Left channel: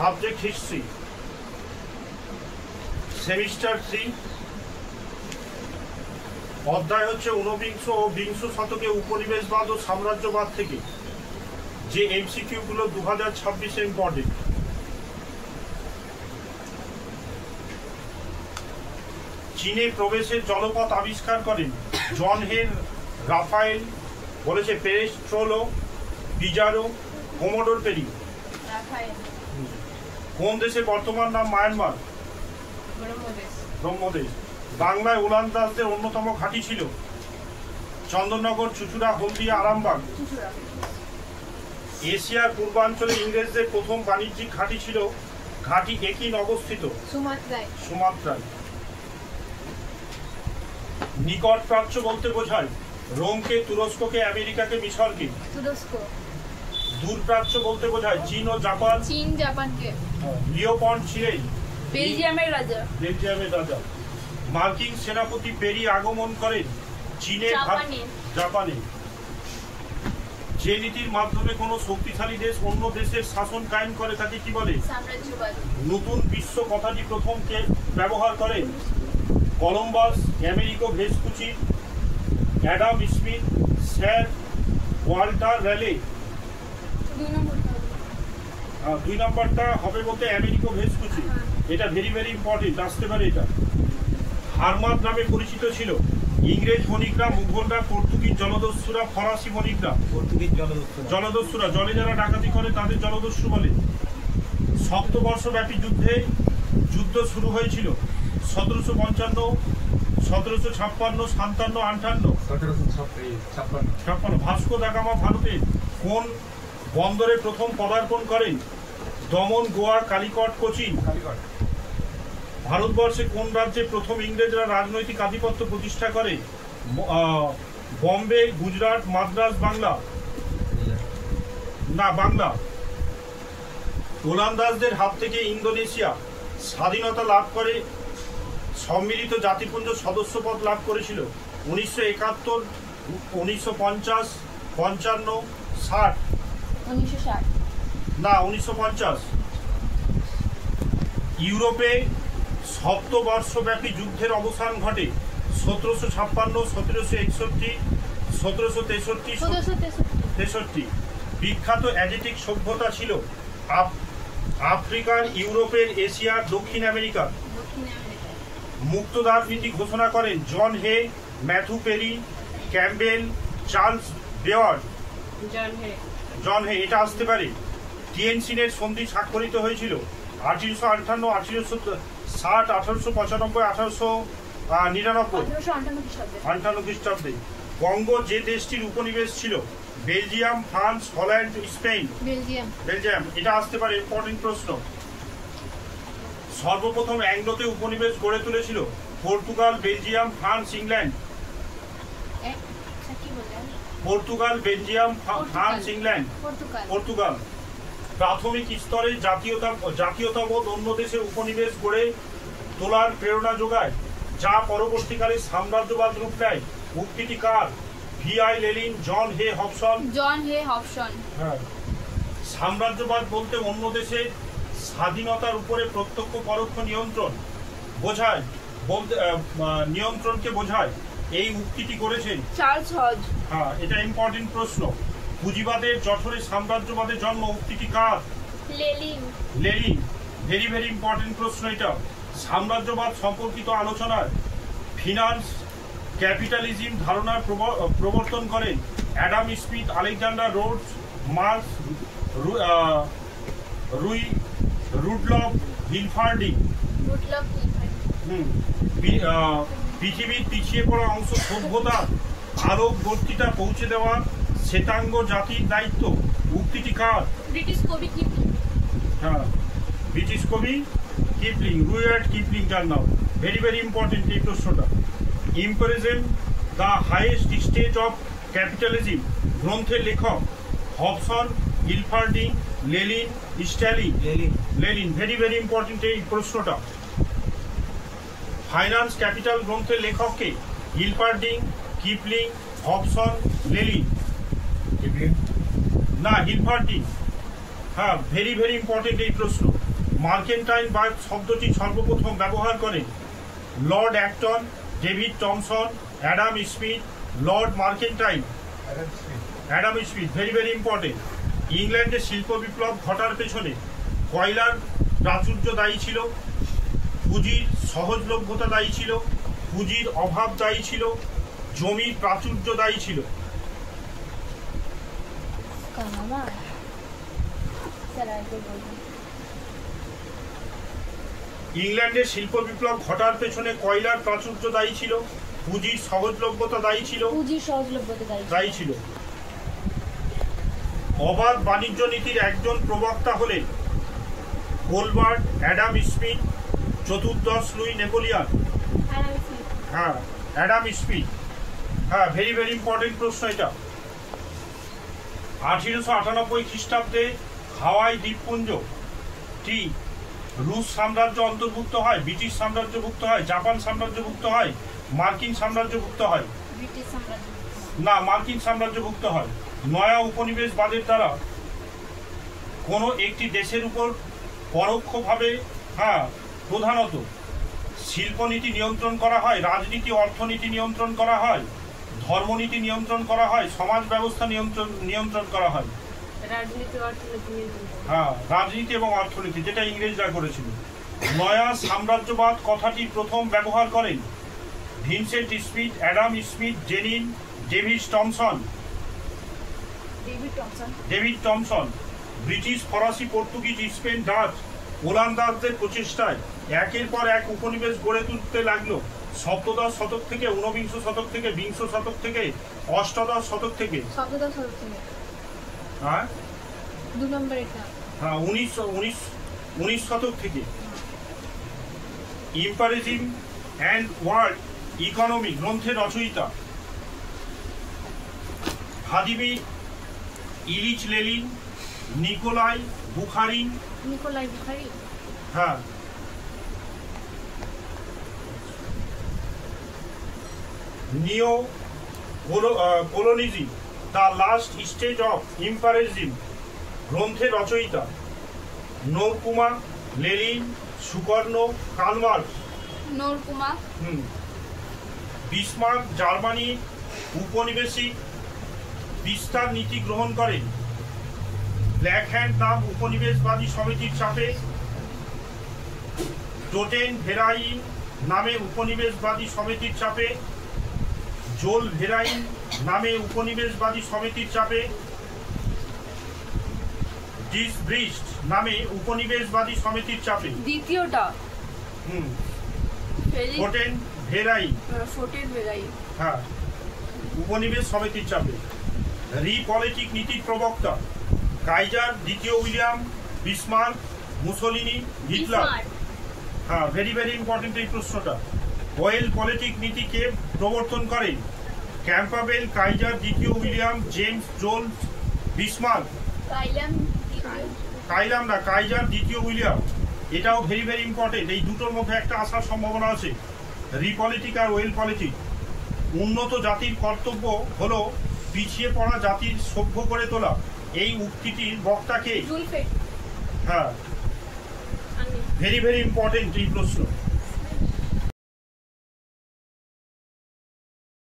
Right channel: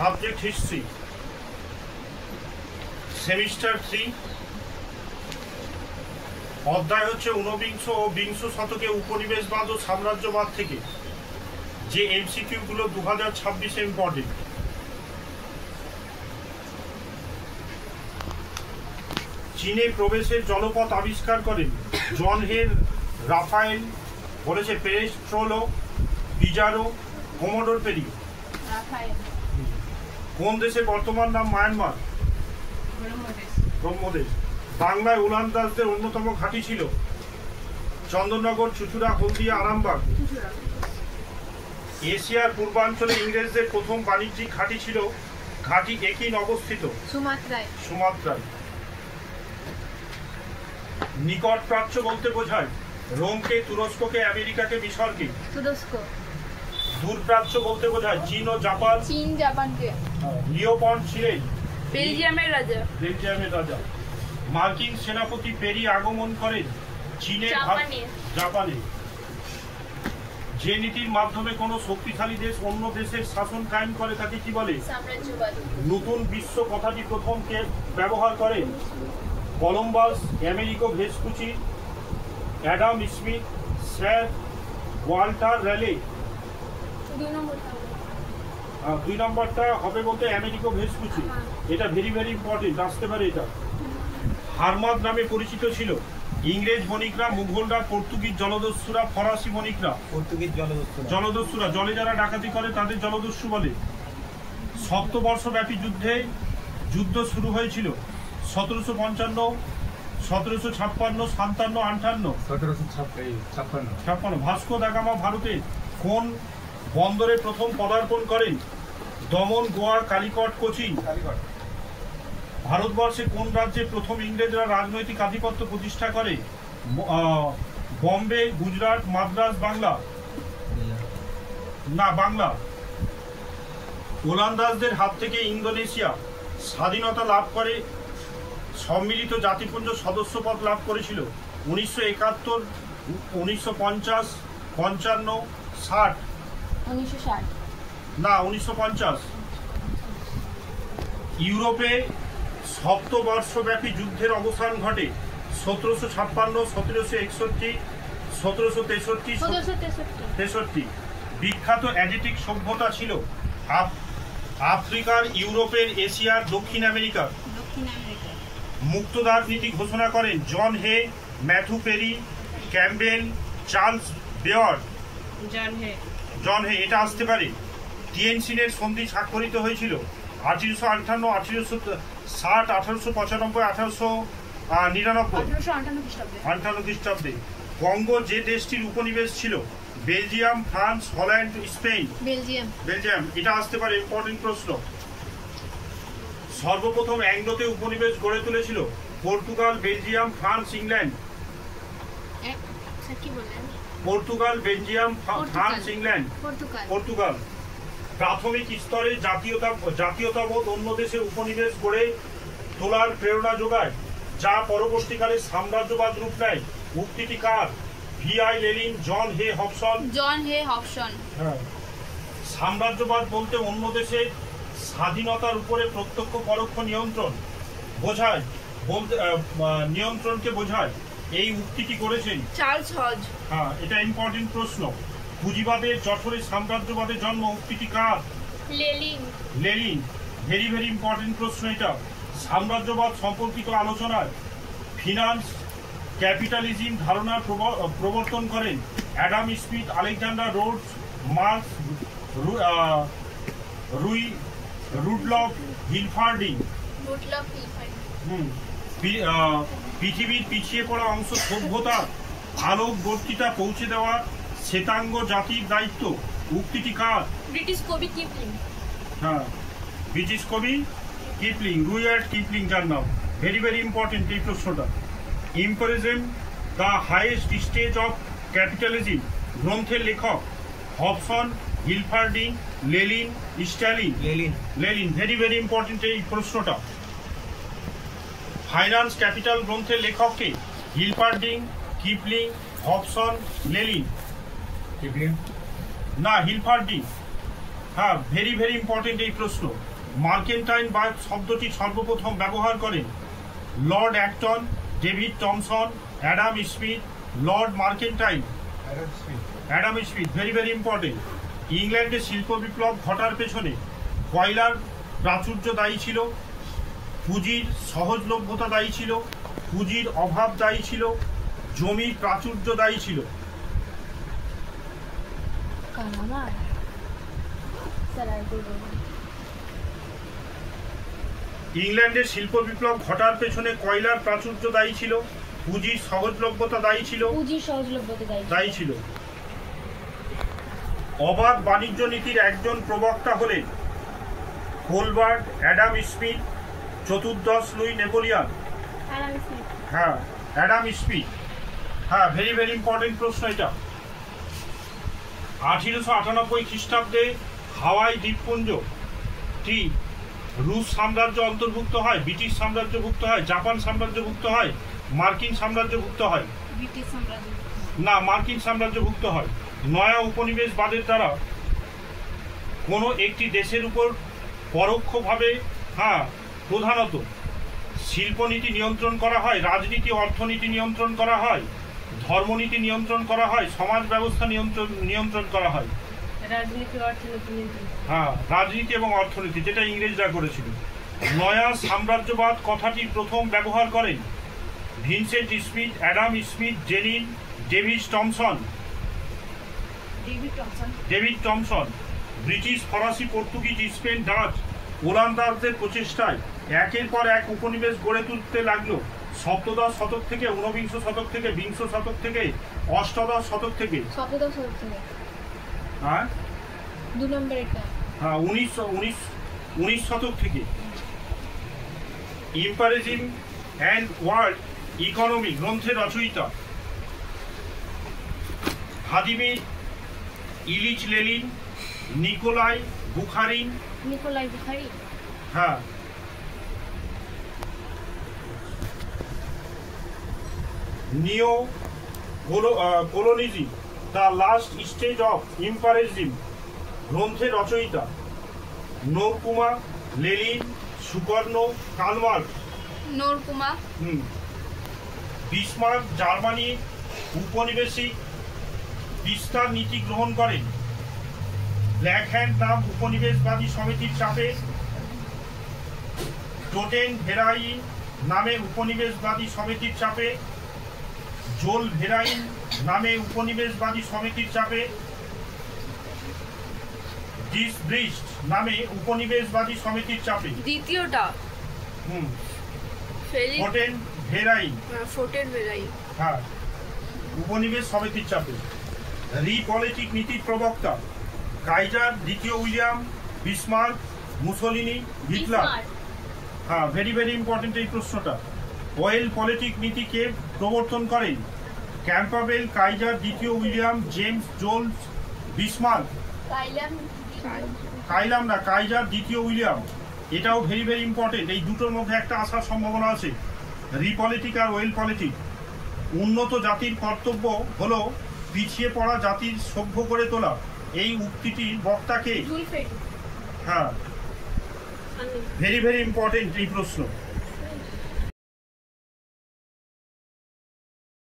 Subject history, semester 3, অধ্যায় হচ্ছে ঊনবিংশ ও বিংশ শতকে উপনিবেশবাদ ও সাম্রাজ্যবাদ থেকে যে এমসিকিউ গুলো 2026 ইম্পর্টেন্ট। চীনে প্রবেশের জলপথ আবিষ্কার করেন জন হে, রাফায়েল, বলেছে পেরেস্ট্রোলো, পিজারো, কোমোডোর পেরি। কোন দেশের বর্তমান নাম মায়ানমার? ব্রহ্মদেশ। বাংলায় ওলন্দাজদের অন্যতম ঘাঁটি ছিল চন্দননগর, চুচুড়া, হলদিয়া, আরামবাগ। এশিয়ার পূর্বাঞ্চলে ইংরেজদের প্রথম বাণিজ্যিক ঘাঁটি ছিল ঘাঁটি একই অবস্থিত সুমাত্রায়। নিকট প্রাচ্য বলতে বোঝায় রোমকে, তুরস্ককে, আমেরিকাকে, মিশরকে। দূর প্রাচ্য বলতে বোঝায় চীন ও জাপান। জাপানকে। লিওপল্ড ছিলেন বেলজিয়ামের রাজা। মার্কিন সেনাপতি পেরি আগমন করেন চীনের জাপানে। যে নীতির মাধ্যমে কোন শক্তিশালী দেশ অন্য দেশের শাসন কায়েম করে তাকে কি বলে? সাম্রাজ্যবাদ। নতুন বিশ্ব কথাটি প্রথম কে ব্যবহার করেন? Columbus, Amerigo Vespucci, Adam Smith, sir Walter রেলে। 2 নম্বরটা হবে বলতে আমেরিকো ভেসপুচি। এটা ভেরি ভেরি ইম্পর্টেন্ট, আসতে পারে এটা। হারমাদ নামে পরিচিত ছিল ইংরেজ বণিকরা, মুঘলরা, পর্তুগিজ জলদস্যুরা, ফরাসি বণিকরা। জলদস্যুরা জলে যারা ডাকাতি করে তাদের জলদস্যু বলে। সপ্তবর্ষব্যাপী যুদ্ধ শুরু হয়েছিল 1755, 1756, 57, 58। ভাস্কো দা গামা ভারতে কোন বন্দরে প্রথম পদার্পণ করেন? দমন, গোয়া, কালিকট, কোচিন। ভারতবর্ষে কোন রাজ্যে প্রথম ইংরেজরা রাজনৈতিক আধিপত্য প্রতিষ্ঠা করে? বম্বে, গুজরাট, মাদ্রাজ, বাংলা। ওলন্দাজদের হাত থেকে ইন্দোনেশিয়া স্বাধীনতা লাভ করে সম্মিলিত জাতিপুঞ্জ সদস্যপদ লাভ করেছিল 1971, 1950, 55, 60। 1950। ইউরোপে সপ্তবর্ষব্যাপী যুদ্ধের অবসান ঘটে 1756, 1761, 1763। বিখ্যাত অ্যাডিটিক সভ্যতা ছিল আফ্রিকার, ইউরোপের, এশিয়ার, দক্ষিণ আমেরিকা। মুক্তদার নীতি ঘোষণা করেন জন হে, ম্যাথু পেরি, ক্যাম্বেল, চার্লস বেওয়ার্ড। জন হে, এটা আসতে পারে। টিয়েনসিনের সন্ধি স্বাক্ষরিত হয়েছিল 1858, 1860, 1895, 1899 খ্রিস্টাব্দে। কঙ্গো যে দেশটির উপনিবেশ ছিল? Belgium, France, Holland, Spain. Belgium. এটা আসতে পারে, ইম্পর্টেন্ট প্রশ্ন। সর্বপ্রথম অ্যাংলোতে উপনিবেশ গড়ে তুলেছিল Portugal, Belgium, France, England. Portugal, Belgium, France, England. Portugal. প্রাথমিক স্তরে জাতীয়তাবোধ অন্য দেশের উপনিবেশ গড়ে তোলার প্রেরণা যোগায়, যা পরবর্তীকালে সাম্রাজ্যবাদ রূপ নেয়। উক্তিটি কার? V.I. লেনিন, জন হে, হবসন। হ্যাঁ। সাম্রাজ্যবাদ বলতে অন্য দেশে স্বাধীনতার উপরে প্রত্যক্ষ পরোক্ষ নিয়ন্ত্রণ বোঝায়, নিয়ন্ত্রণকে বোঝায়। এই উক্তিটি করেছেন চার্লস হজ। হ্যাঁ, এটা ইম্পর্টেন্ট প্রশ্ন। পুঁজিবাদের যশোরে সাম্রাজ্যবাদের জন্ম, উক্তিটি কার? লেনিন। ভেরি ভেরি ইম্পর্টেন্ট প্রশ্ন এটা। সাম্রাজ্যবাদ সম্পর্কিত আলোচনায় ফিনান্স ক্যাপিটালিজম ধারণার প্রবর্তন করেন Adam Smith, Alexander Rhodes, Marx, Rudolf Hilferding. পৃথিবীর পিছিয়ে পড়া অংশ সভ্যতার আলোক বর্তিতা পৌঁছে দেওয়া শ্বেতাঙ্গ জাতির দায়িত্ব, উক্তিটি কার? ব্রিটিশ কবি কিপলিং। হ্যাঁ, ব্রিটিশ কবি কিপলিং, রুয়ার্ড কিপলিং তার নাম। ভেরি ভেরি ইম্পর্টেন্ট এই প্রশ্নটা। Imperialism the highest stage of capitalism গ্রন্থের লেখক Hobson, Hilferding, Lenin, Stalin. Lenin. Very very important এই প্রশ্নটা। ফাইন্যান্স ক্যাপিটাল গ্রন্থের লেখককে? Hilferding, Kipling, Hobson, Lenin. না, হিলফার্ডিং। হ্যাঁ, ভেরি ভেরি ইম্পর্টেন্ট এই প্রশ্ন। মার্কেন্টাইন বা শব্দটি সর্বপ্রথম ব্যবহার করেন Lord Acton, David Thomson, Adam Smith, Lord Mercantine, Adam Smith. Very very important. ইংল্যান্ডে শিল্প বিপ্লব ঘটার পেছনে কয়লার প্রাচুর্য দায়ী ছিল, পুঁজির সহজলভ্যতা দায়ী ছিল, পুঁজির অভাব দায়ী ছিল, জমির প্রাচুর্য দায়ী ছিল। ইংল্যান্ডের শিল্প বিপ্লব ঘটার পেছনে কয়লার প্রাচুর্য দায়ী ছিল, পুঁজির সহজলভ্যতা দায়ী ছিল, দায়ী ছিল। অবাধ বাণিজ্য নীতির একজন প্রবক্তা হলেন কোলবার্ট, অ্যাডাম স্মিথ, চতুর্দশ লুই নেপোলিয়ন। হ্যাঁ, অ্যাডাম স্মিথ। হ্যাঁ, ভেরি ভেরি ইম্পর্টেন্ট প্রশ্ন এটা। 1898 খ্রিস্টাব্দে হাওয়াই দ্বীপপুঞ্জটি রুশ সাম্রাজ্য অন্তর্ভুক্ত হয়, ব্রিটিশ সাম্রাজ্যভুক্ত হয়, জাপান সাম্রাজ্যভুক্ত হয়, মার্কিন সাম্রাজ্যভুক্ত হয়? না, মার্কিন সাম্রাজ্যভুক্ত হয়। নয়া উপনিবেশবাদের দ্বারা কোনো একটি দেশের উপর পরোক্ষভাবে প্রধানত শিল্পনীতি নিয়ন্ত্রণ করা হয়, রাজনীতি অর্থনীতি নিয়ন্ত্রণ করা হয়, ধর্মনীতি নিয়ন্ত্রণ করা হয়, সমাজ ব্যবস্থা নিয়ন্ত্রণ করা হয়। রাজনীতি এবং অর্থনীতি, যেটা ইংরেজরা করেছিল। নয়া সাম্রাজ্যবাদ কথাটি প্রথম ব্যবহার করেন Vincent Smith, Adam Smith, জেনিন, David Thomson. British, ফরাসি, পর্তুগিজ, স্পেন, ডাচ, ওলন্দাজদের প্রচেষ্টায় একের পর এক উপনিবেশ গড়ে তুলতে লাগলো। সপ্তদশ শতক থেকে, ঊনবিংশ শতক থেকে, বিংশ শতক থেকে, অষ্টাদশ শতক থেকে, 19 শতক থেকে। ইম্পারিজম অ্যান্ড ওয়ার্ল্ড ইকোনমি গ্রন্থের রচয়িতা Vladimir Ilyich Lenin, Nikolai Bukharin. হ্যাঁ, neo colonialism, the last stage of imperialism গ্রন্থের রচয়িতা Nkrumah, Lenin, Sukarno, Karl Marx. Bismarck Germany উপনিবেশিক বিস্তার নীতি গ্রহণ করেন ব্ল্যাক হ্যান্ড নাম উপনিবেশবাদী সমিতির চাপে। টোটেন ভেরাইন নামে উপনিবেশবাদী সমিতির চাপে। জোল ভেরাইন নামে উপনিবেশবাদী সমিতির চাপে। ডিসব্রিস্ট নামে উপনিবেশবাদী সমিতির চাপে। দ্বিতীয়টা টোটেন ভেরাইন, হ্যাঁ, উপনিবেশ সমিতির চাপে। রিপলিটিক নীতির প্রবক্তা কাইজার, দ্বিতীয় উইলিয়াম, বিসমার্ক, মুসোলিনি, হিটলার। হ্যাঁ, ভেরি ভেরি ইম্পর্টেন্ট এই প্রশ্নটা। ওয়েল পলিটিক নীতিকে প্রবর্তন করেন ক্যাম্পাবেল, কাইজার, দ্বিতীয় উইলিয়াম, জেমস, জোল, বিসমার্ক। কাইলাম না, কাইজার, দ্বিতীয় উইলিয়াম। এটাও ভেরি ভেরি ইম্পর্টেন্ট। এই দুটোর মধ্যে একটা আসার সম্ভাবনা আছে, রিপলিটিক আর ওয়েল পলিটিক। উন্নত জাতির কর্তব্য হলো পিছিয়ে পড়া জাতির সভ্য করে তোলা। এই উক্তিটির বক্তাকে? হ্যাঁ, ভেরি ভেরি ইম্পর্টেন্ট এই প্রশ্ন।